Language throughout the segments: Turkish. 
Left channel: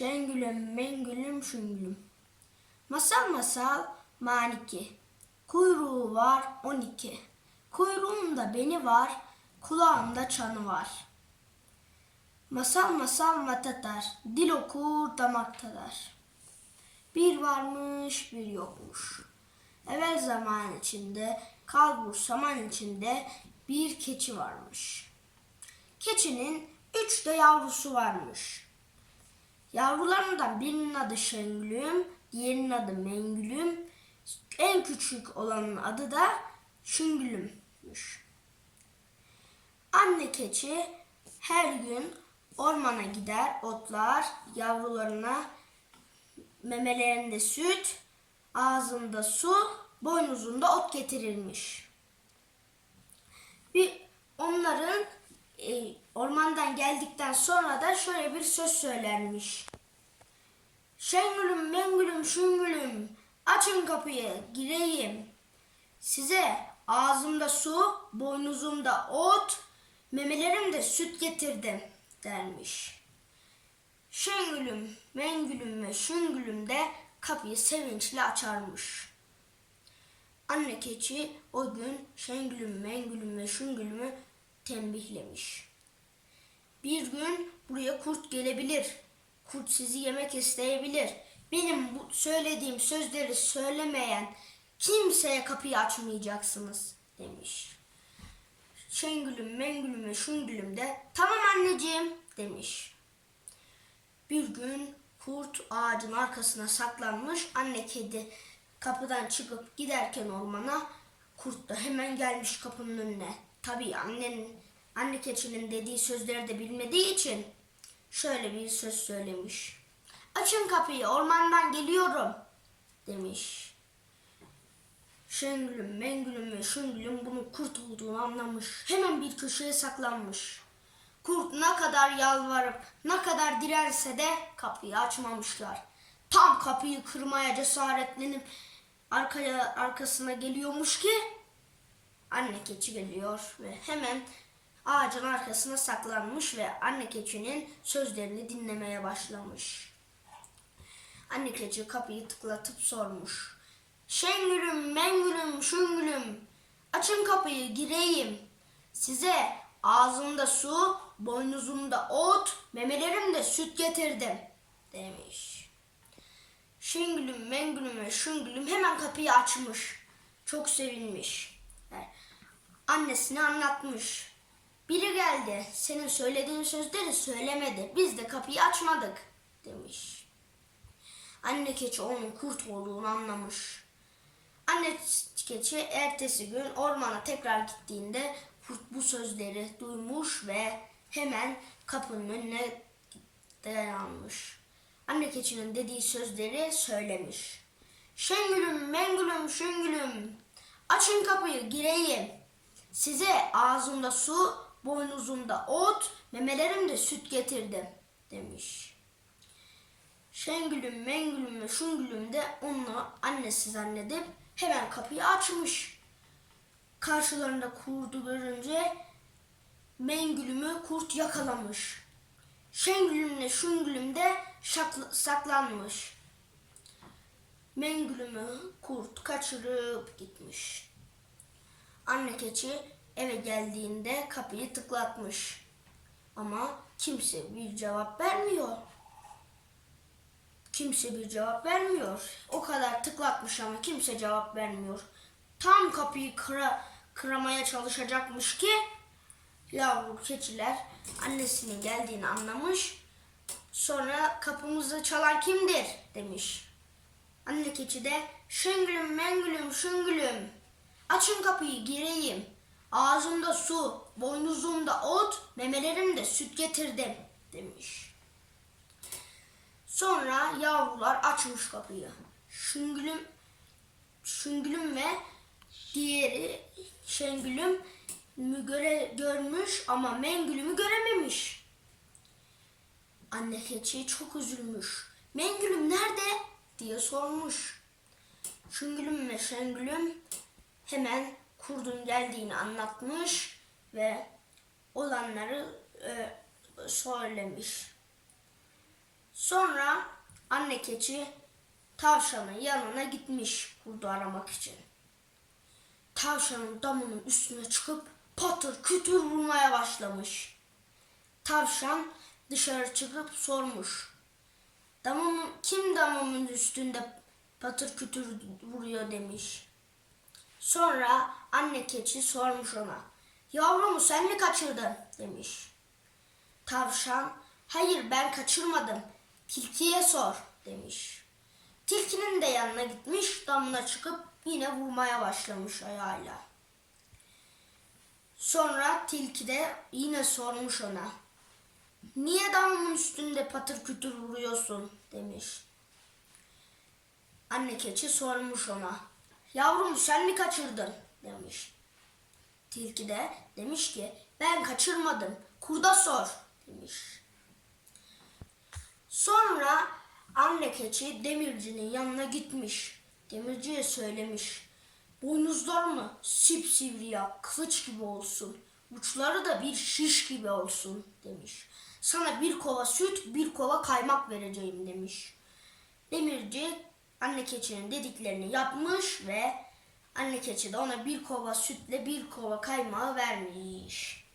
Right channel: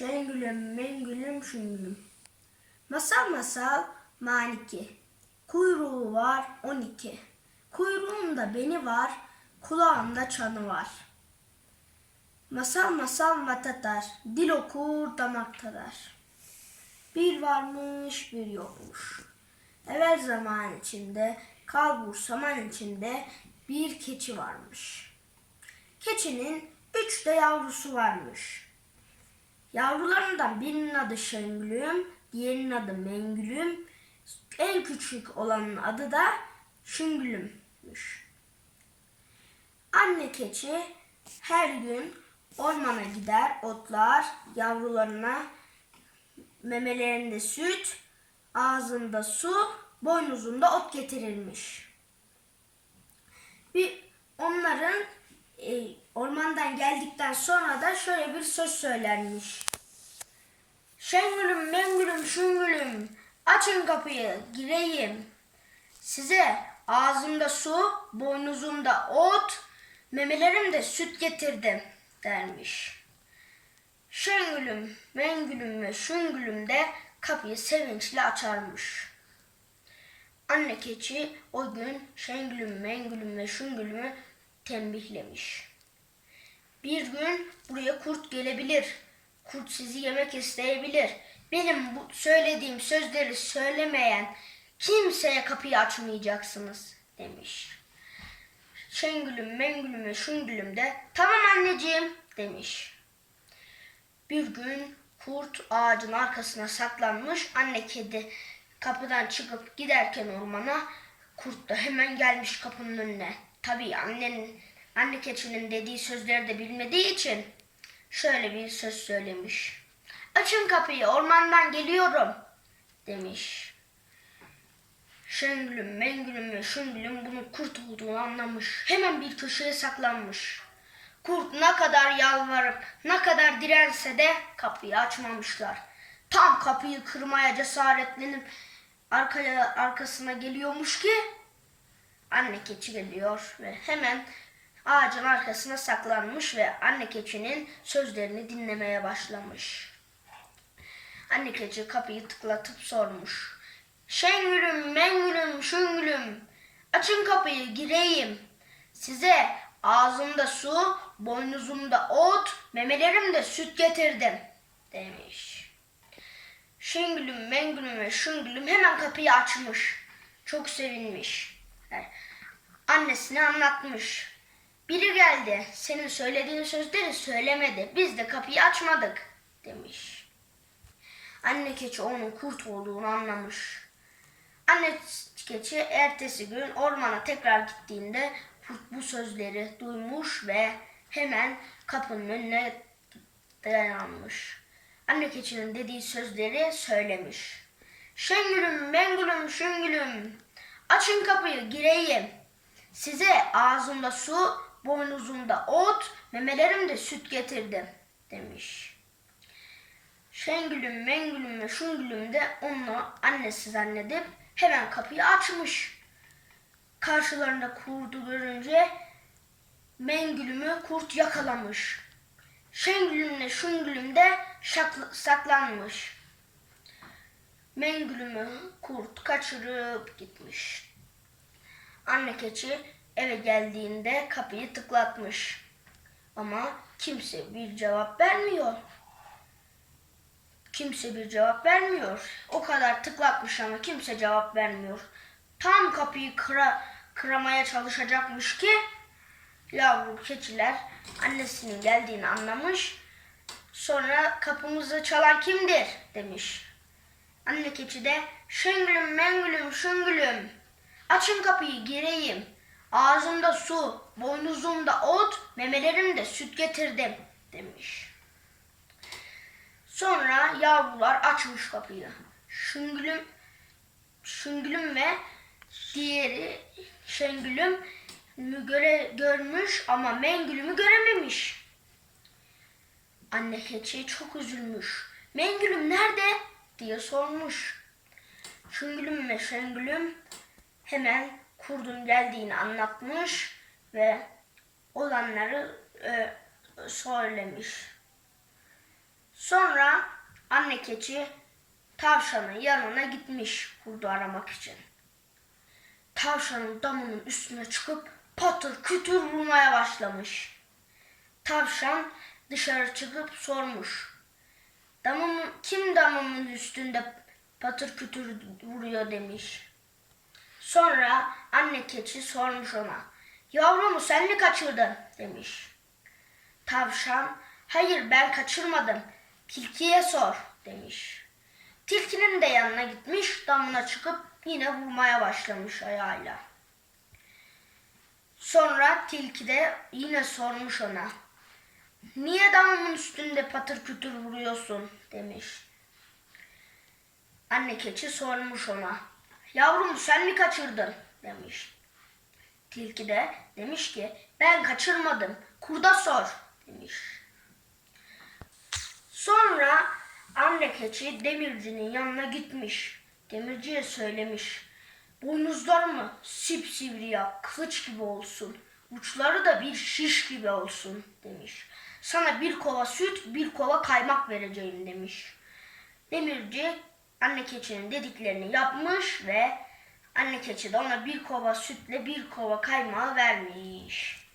Şengülüm, mengülüm, şüngülüm. Masal masal maniki. Kuyruğu var on iki. Kuyruğunda beni var, kulağında çanı var. Masal masal matatar, dil okur damak tadar. Bir varmış bir yokmuş. Evvel zaman içinde, kalbur saman içinde bir keçi varmış. Keçinin üç de yavrusu varmış. Yavrularından birinin adı Şengülüm, diğerinin adı Mengülüm, en küçük olanın adı da Şüngülüm'müş. Anne keçi her gün ormana gider, otlar, yavrularına memelerinde süt, ağzında su, boynuzunda ot getirirmiş. Bir onların e, ormandan geldikten sonra da şöyle bir söz söylenmiş. Şengülüm, mengülüm, şüngülüm, açın kapıyı, gireyim. Size ağzımda su, boynuzumda ot, memelerimde süt getirdim dermiş. Şengülüm, mengülüm ve şüngülüm de kapıyı sevinçle açarmış. Anne keçi o gün Şengülüm, Mengülüm ve Şüngülüm'ü tembihlemiş. Bir gün buraya kurt gelebilir. Kurt sizi yemek isteyebilir. Benim bu söylediğim sözleri söylemeyen kimseye kapıyı açmayacaksınız demiş. Şengülüm, Mengülüm ve Şüngülüm de tamam anneciğim demiş. Bir gün kurt ağacın arkasına saklanmış. Anne kedi kapıdan çıkıp giderken ormana kurt da hemen gelmiş kapının önüne. Tabii annenin anne keçinin dediği sözleri de bilmediği için şöyle bir söz söylemiş. Açın kapıyı ormandan geliyorum demiş. Şengülüm, Mengülüm ve Şüngülüm bunun kurt olduğunu anlamış. Hemen bir köşeye saklanmış. Kurt ne kadar yalvarıp ne kadar dirense de kapıyı açmamışlar. Tam kapıyı kırmaya cesaretlenip arkaya arkasına geliyormuş ki anne keçi geliyor ve hemen ağacın arkasına saklanmış ve anne keçinin sözlerini dinlemeye başlamış. Anne keçi kapıyı tıklatıp sormuş. Şengülüm, mengülüm, şüngülüm. Açın kapıyı gireyim. Size ağzımda su, boynuzumda ot, memelerimde süt getirdim demiş. Şengülüm, mengülüm ve şüngülüm hemen kapıyı açmış. Çok sevinmiş. Yani Annesine anlatmış. Biri geldi. Senin söylediğin sözleri söylemedi. Biz de kapıyı açmadık demiş. Anne keçi onun kurt olduğunu anlamış. Anne keçi ertesi gün ormana tekrar gittiğinde kurt bu sözleri duymuş ve hemen kapının önüne dayanmış. Anne keçinin dediği sözleri söylemiş. Şengülüm, mengülüm, şüngülüm. Açın kapıyı, gireyim. Size ağzımda su, boynuzumda ot, memelerimde süt getirdim demiş. Şengülüm, Mengülüm ve Şüngülüm de onu annesi zannedip hemen kapıyı açmış. Karşılarında kurdu görünce Mengülüm'ü kurt yakalamış. Şengülümle Şüngülüm de saklanmış. Mengülüm'ü kurt kaçırıp gitmiş. Anne keçi eve geldiğinde kapıyı tıklatmış. Ama kimse bir cevap vermiyor. Kimse bir cevap vermiyor. O kadar tıklatmış ama kimse cevap vermiyor. Tam kapıyı kıra, kıramaya çalışacakmış ki yavru keçiler annesinin geldiğini anlamış. Sonra kapımızı çalan kimdir demiş. Anne keçi de şıngülüm mengülüm şıngülüm. Açın kapıyı gireyim. Ağzımda su, boynuzumda ot, memelerimde süt getirdim demiş. Sonra yavrular açmış kapıyı. Şüngülüm, Şüngülüm ve diğeri Şengülüm mü göre, görmüş ama Mengülüm'ü görememiş. Anne keçi çok üzülmüş. Mengülüm nerede? diye sormuş. Şüngülüm ve Şengülüm hemen kurdun geldiğini anlatmış ve olanları e, söylemiş. Sonra anne keçi tavşanın yanına gitmiş kurdu aramak için. Tavşanın damının üstüne çıkıp patır kütür vurmaya başlamış. Tavşan dışarı çıkıp sormuş. Damımın, kim damımın üstünde patır kütür vuruyor demiş. Sonra anne keçi sormuş ona. Yavrumu sen mi kaçırdın demiş. Tavşan hayır ben kaçırmadım tilkiye sor demiş. Tilkinin de yanına gitmiş damına çıkıp yine vurmaya başlamış ayağıyla. Sonra tilki de yine sormuş ona. Niye damımın üstünde patır kütür vuruyorsun demiş. Anne keçi sormuş ona. Yavrum sen mi kaçırdın demiş. Tilki de demiş ki ben kaçırmadım kurda sor demiş. Sonra anne keçi demircinin yanına gitmiş. Demirciye söylemiş. Boynuzlar mı sipsivri ya kılıç gibi olsun. Uçları da bir şiş gibi olsun demiş. Sana bir kova süt bir kova kaymak vereceğim demiş. Demirci anne keçinin dediklerini yapmış ve anne keçi de ona bir kova sütle bir kova kaymağı vermiş.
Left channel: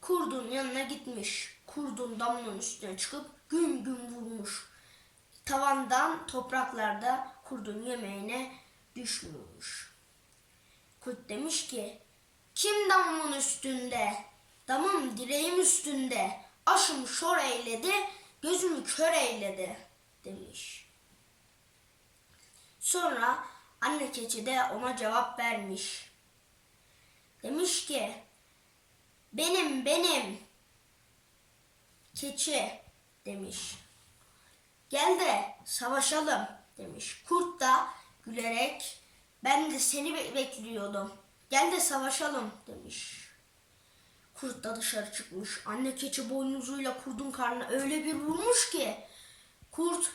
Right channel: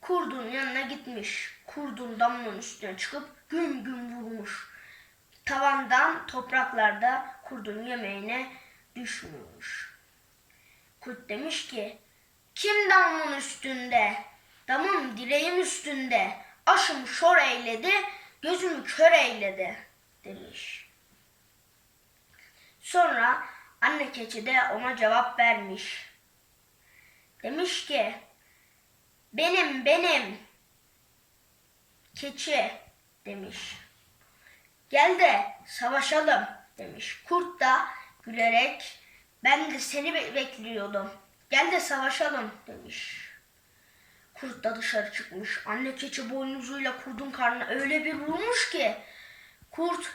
Kurdun yanına gitmiş. Kurdun damının üstüne çıkıp güm güm vurmuş. Tavandan topraklarda kurdun yemeğine düşmüş. Kurt demiş ki, kim damın üstünde? Damım direğim üstünde. Aşım şor eyledi, gözümü kör eyledi demiş. Sonra anne keçi de ona cevap vermiş. Demiş ki, benim benim keçi demiş. Gel de savaşalım demiş. Kurt da gülerek ben de seni be- bekliyordum. Gel de savaşalım demiş. Kurt da dışarı çıkmış. Anne keçi boynuzuyla kurdun karnına öyle bir vurmuş ki kurt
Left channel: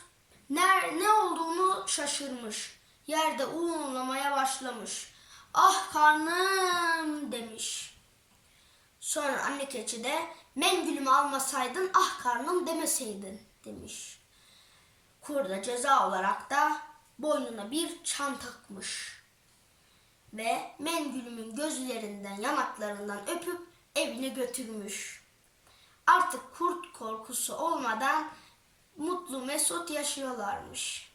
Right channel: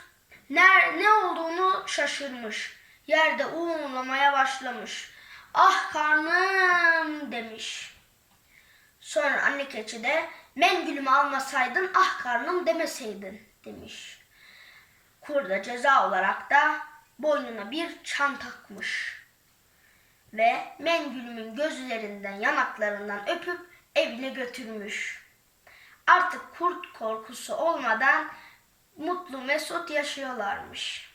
ne, ne olduğunu şaşırmış. Yerde uğurlamaya başlamış. Ah karnım demiş. Sonra anne keçi de mengülümü almasaydın ah karnım demeseydin demiş. Kurda ceza olarak da boynuna bir çan takmış. Ve mengülümün gözlerinden yanaklarından öpüp evine götürmüş. Artık kurt korkusu olmadan mutlu mesut yaşıyorlarmış.